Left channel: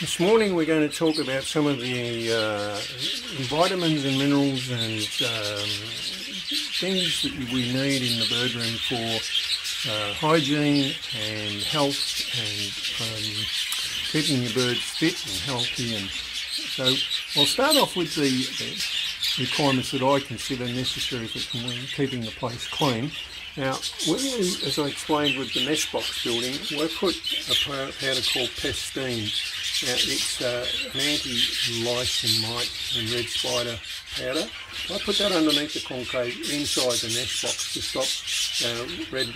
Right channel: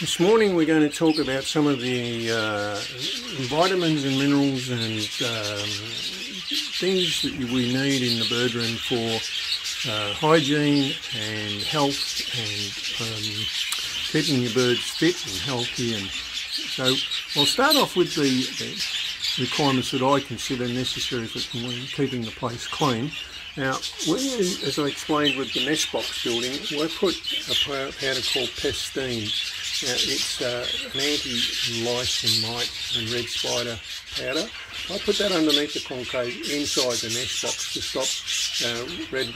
This morning we're going to talk about some of the vitamins and minerals and things that we need in the bird room for hygiene and health and keeping your birds fit and healthy. And so I'll start off with the requirements that I consider necessary for keeping the place clean. Now, as I explained with the nest box building, I put a powder called Pestine. Now, it's an anti-lice and mite and red spider powder. I put that underneath the concave inside the nest box to stop the red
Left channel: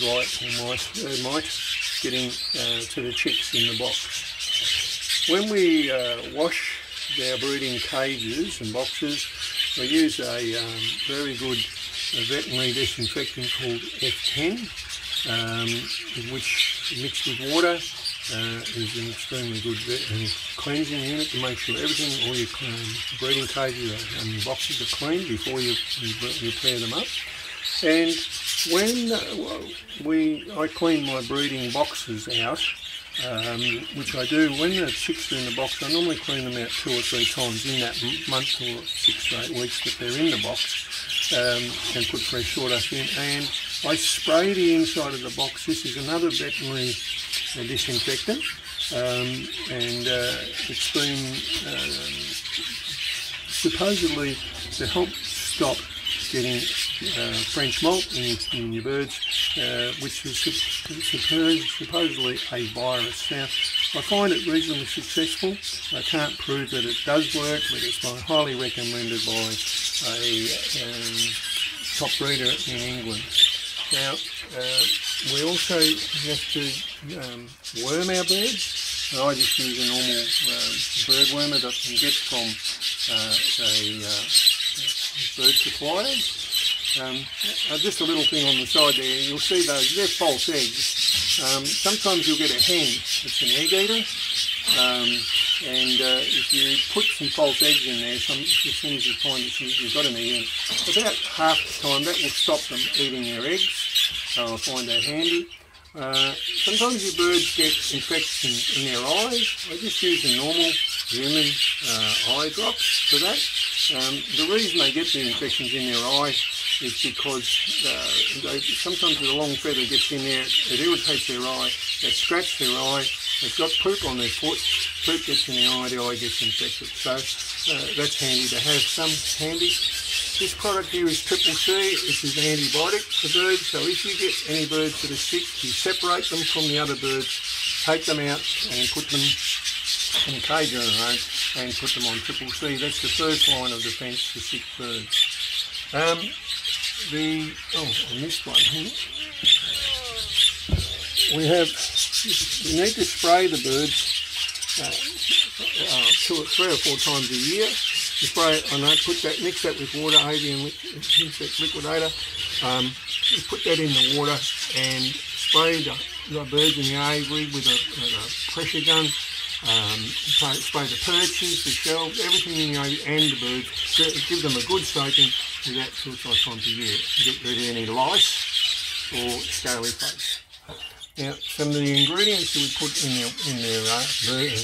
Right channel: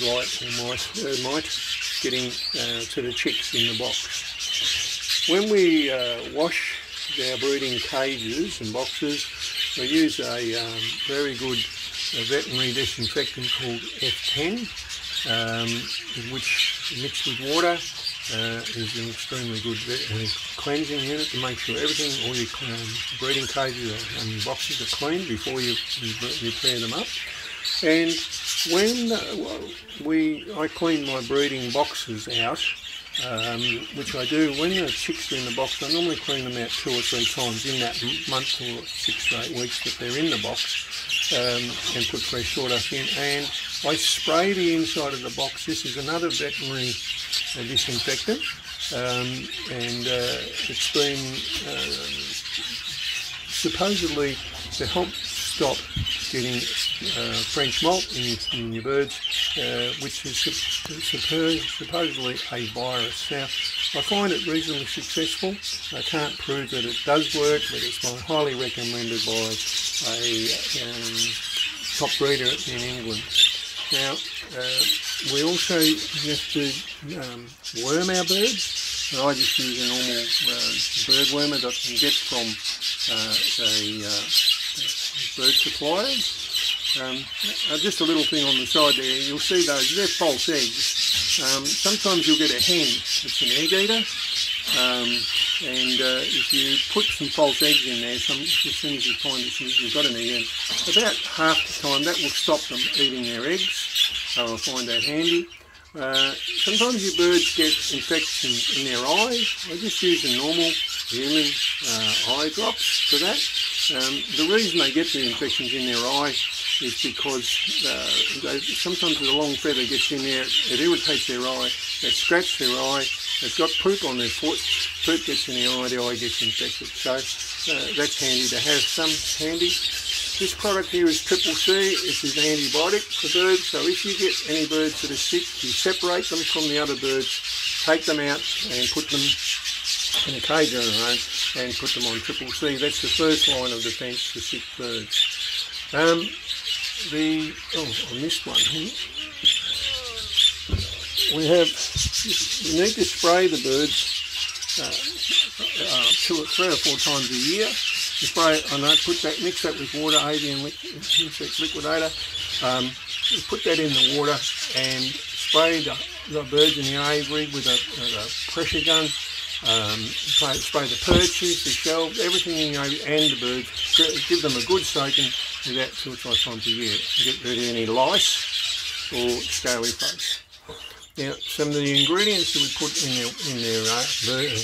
light or mite getting to the chicks in the box. When we wash our breeding cages and boxes, we use a very good veterinary disinfectant called F10, which mixed with water is an extremely good cleansing unit to make sure everything, all your breeding cages and boxes are clean before you pair them up. And when I clean my breeding boxes out, which I do when the chicks are in the box, I normally clean them out 2 or 3 times in that month or 6 to 8 weeks that they're in the box, and put fresh sawdust in, and I spray the inside of the box. This is another veterinary disinfectant, and it's been supposedly to help stop getting French malt in your birds, which is supposedly a virus. Now, I find it reasonably successful. I can't prove that it does work, but it's highly recommended by a top breeder in England. Now, we also have to worm our birds. I just use a normal bird wormer that I can get from bird suppliers. Just a little thing on the side there, you'll see those, they're false eggs. Sometimes you'll get a hen that's an egg eater, and if you put some false eggs in there, as soon as you find that you've got an egg, about half the time that will stop them eating their eggs. So I find that handy. Sometimes your birds get infections in their eyes. I just use the normal human eye drops for that. The reason they get the infections in their eye is because sometimes the long feather gets in there, it irritates their eye, they scratch their eye, they've got poop on their foot, poop gets in the eye gets infected. So that's handy to have some handy. This product here is Triple C. This is an antibiotic for birds, so if you get any birds that are sick, you separate them from the other birds, take them out and put them in a cage on their own and put them on Triple C. That's the first line of defence for sick birds. I missed one here. You need to spray the birds 3 or 4 times a year. You spray it, mix that with water, avian insect liquidator. You put that in the water and spray the birds in the aviary with a pressure gun. Spray the perches, the shells, everything in the aviary and the birds. Give them a good soaking with that 2 or 5 times a year to get rid of any lice or scaly face. Now, some of the ingredients that we put in their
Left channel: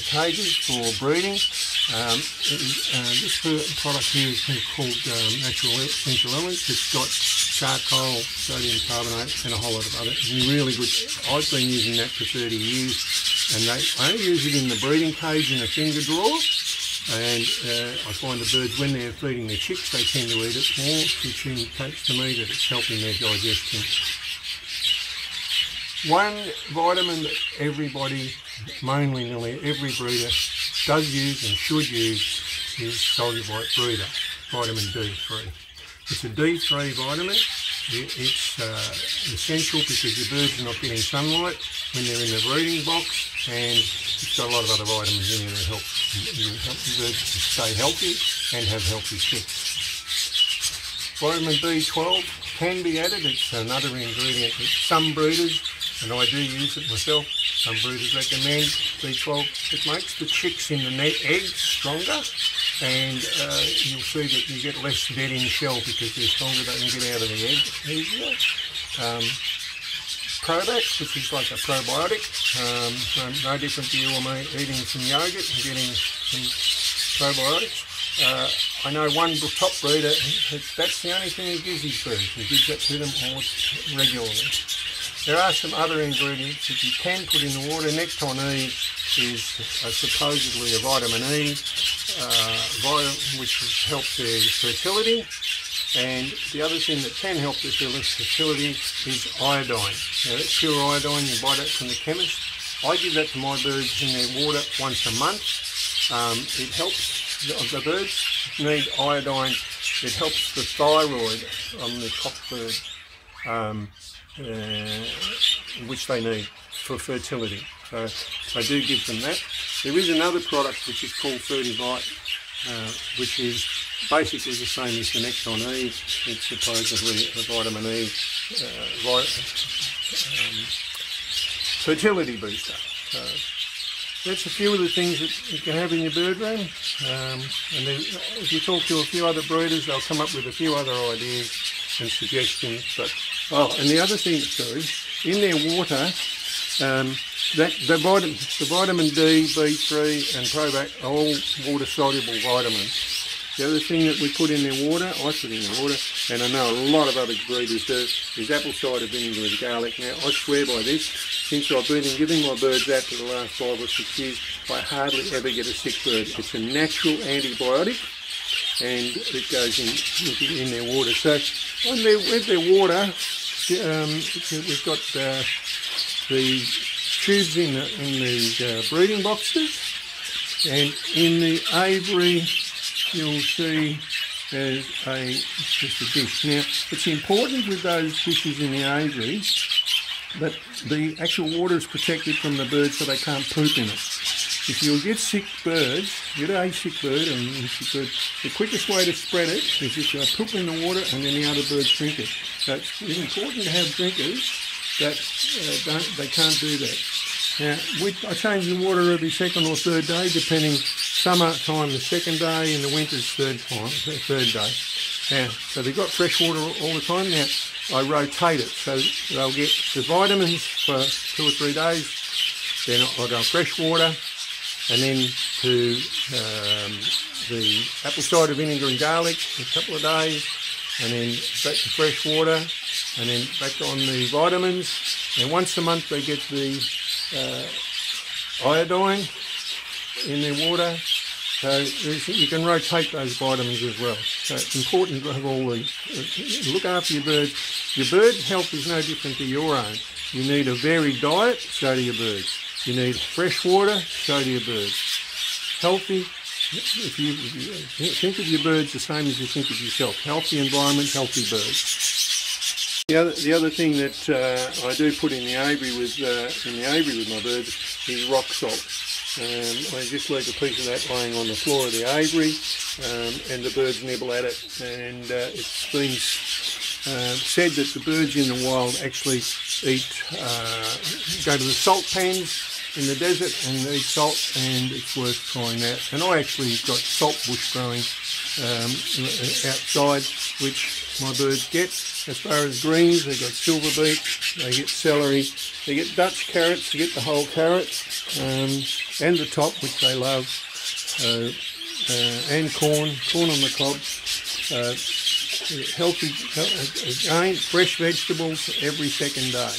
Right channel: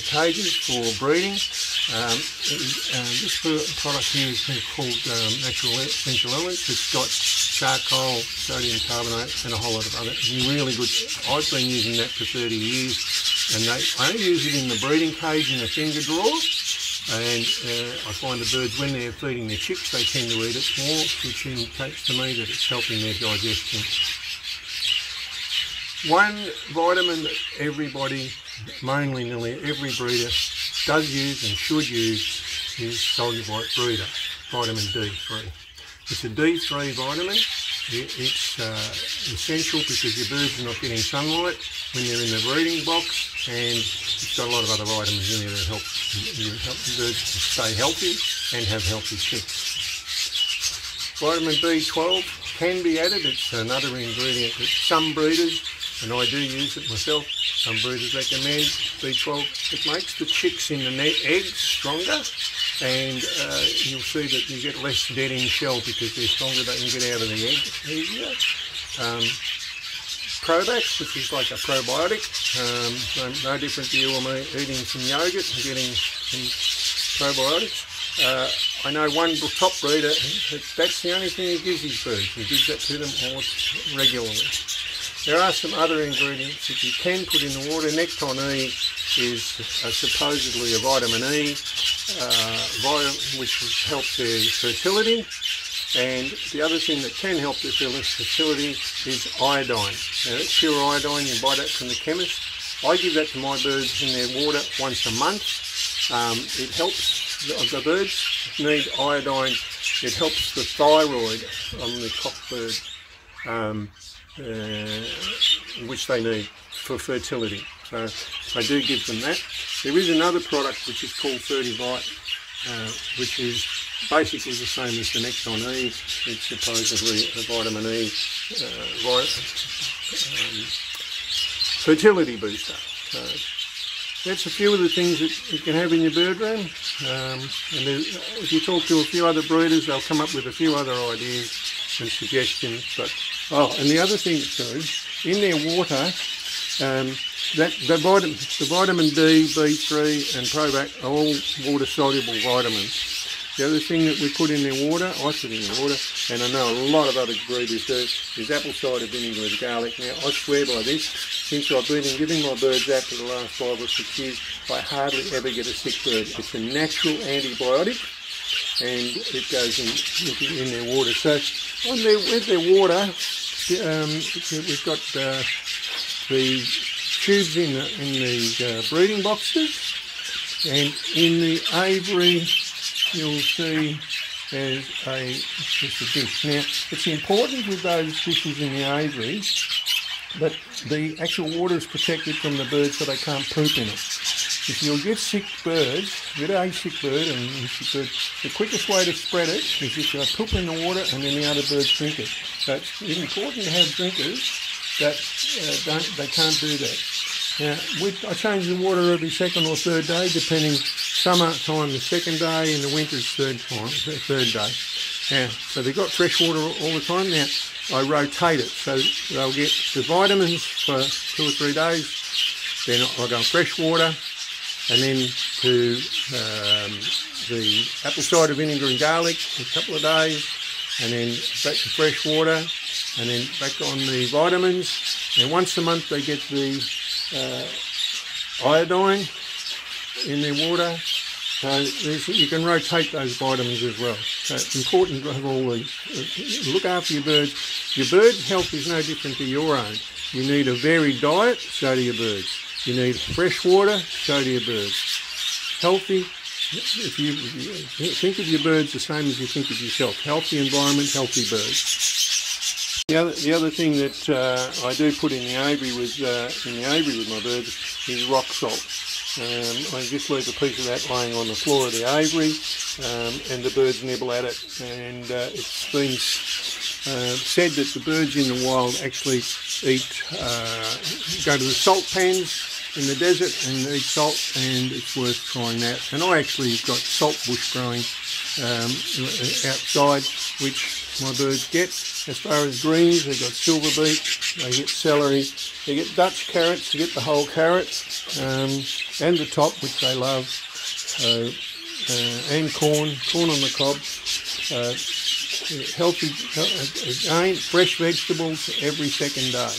cages for breeding. This product here is called Natural Essential Elements. It's got charcoal, sodium carbonate and a whole lot of other really good. I've been using that for 30 years, and I only use it in the breeding cage in a finger drawer. And I find the birds, when they're feeding their chicks, they tend to eat it more, which indicates to me that it's helping their digestion. One vitamin that everybody, mainly nearly every breeder, does use and should use is Solubite Breeder, vitamin D3. It's a D3 vitamin. It's essential because your birds are not getting sunlight when they're in the breeding box, and it's got a lot of other vitamins in there that help the birds to stay healthy and have healthy chicks. Vitamin B12 can be added. It's another ingredient that some breeders, and I do use it myself, some breeders recommend B12. It makes the chicks in the eggs stronger, and you'll see that you get less dead in shell because they're stronger, they can get out of the egg easier. Probac, which is like a probiotic, no different to you or me eating some yogurt and getting some probiotics. I know one top breeder, that's the only thing he gives his birds. He gives that to them almost regularly. There are some other ingredients that you can put in the water. Nectar-E is supposedly a vitamin E, which helps their fertility. And the other thing that can help their fertility is iodine. Now, that's pure iodine, you buy that from the chemist. I give that to my birds in their water once a month. It helps. The birds need iodine. It helps the thyroid on the cockbird, which they need for fertility. So I do give them that. There is another product which is called Fertivite, which is basically the same as the Nectar-E. It's supposedly a vitamin E fertility booster. So that's a few of the things that you can have in your bird room. And if you talk to a few other breeders, they'll come up with a few other ideas and suggestions. But and the other thing too, in their water, the vitamin D, B3 and Probac are all water soluble vitamins. The other thing that we put in their water, I put in their water, and I know a lot of other breeders do, is apple cider vinegar with garlic. Now, I swear by this, since I've been giving my birds that for the last 5 or 6 years, I hardly ever get a sick bird. It's a natural antibiotic, and it goes in their water. So, with their water, we've got the tubes in the breeding boxes, and in the aviary, you'll see there's just a dish. Now, it's important with those dishes in the aviary that the actual water is protected from the birds so they can't poop in it. If you'll get sick birds, get a sick bird and the quickest way to spread it is if you poop in the water and then the other birds drink it. So it's important to have drinkers that they can't do that. Now, I change the water every second or third day, depending. Summertime the second day, and the winter's third day. Now, so they've got fresh water all the time. Now, I rotate it, so they'll get the vitamins for 2 or 3 days. Then I'll go fresh water, and then to the apple cider vinegar and garlic for a couple of days, and then back to fresh water, and then back on the vitamins. And once a month they get the iodine in their water, so you can rotate those vitamins as well. So it's important to have all these. Look after your birds. Your bird health is no different to your own. You need a varied diet, so do your birds. You need fresh water, so do your birds. Healthy, if you think of your birds the same as you think of yourself. Healthy environment, healthy birds. The other thing that I do put in the aviary with my birds is rock salt. I just leave a piece of that laying on the floor of the aviary, and the birds nibble at it. And it's been said that the birds in the wild actually go to the salt pans in the desert and eat salt, and it's worth trying that. And I actually got salt bush growing outside, which my birds get. As far as greens, they've got silver beet, they get celery, they get Dutch carrots, they get the whole carrot, and the top, which they love, and corn on the cob. Healthy, again, fresh vegetables every second day.